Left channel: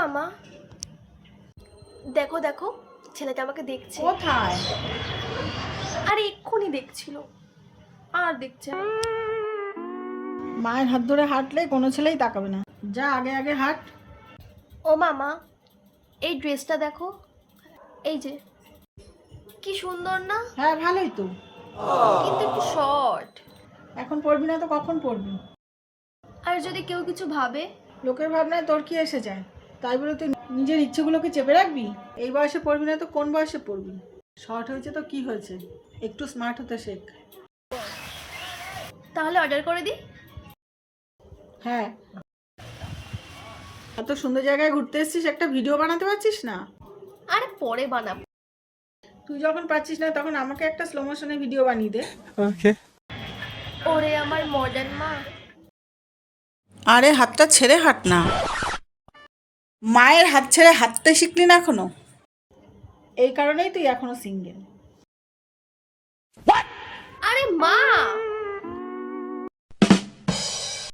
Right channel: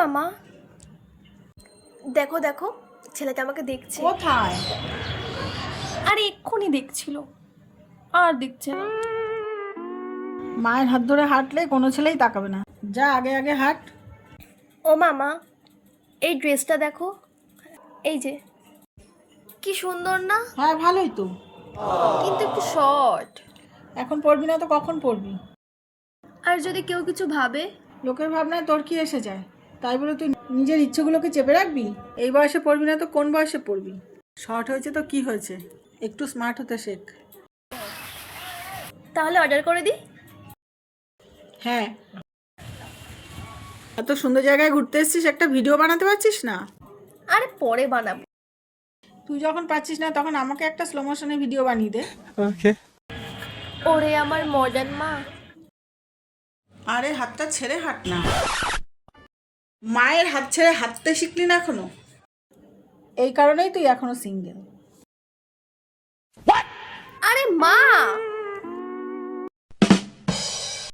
মামা, দেখো দেখো, ছেলেটা আমাকে দেখছে। কোথায়? আরে এক্ষুনি দেখছিল, আর দেখছে না। মায়ের হাত ধরে হাঁটলে কোনো ছেলেই তাকাবে না। যা আগে আগে হাঁট। ও মামা, এই ড্রেসটা দেখো, এই যে, কি সুন্দর না? হ্যাঁ ভালোই তো, কিন্তু একটু শর্ট। এখন পড়বি না তো কখন পড়বি? আর যদি কেউ কিছু ভাবে? লোকের ভাবনায় তোর কি এসে যায়? তাই বলে তুই নিজের ইচ্ছেগুলোকে চেপে রাখবি? এই বয়সে পড়বি না তো কোন বয়সে পড়বি? শর্ট হয়েছে তো কি হয়েছে, একটু স্মার্ট হতে শেখ। তাহলে অর্ডার করে দিই। হ্যাঁ, এত সুন্দর জায়গায় ঘুরতে এসেছিস, একটা ভিডিও বানাতে পারছিস না? আরে পরে বানাবো। তুই যখন পাচ্ছিস না তখন আমাকে একটা স্লো মোশনে ভিডিও বানিয়ে দে। ওরে আমার মডার্ন মা। আরে হাতটা ছেড়ে হাঁট না, মায়ের হাত ছেড়ে হাঁটতে শিখলি না এখনো? এই কারণেই তুই এখনো সিঙ্গেল। আরে মা,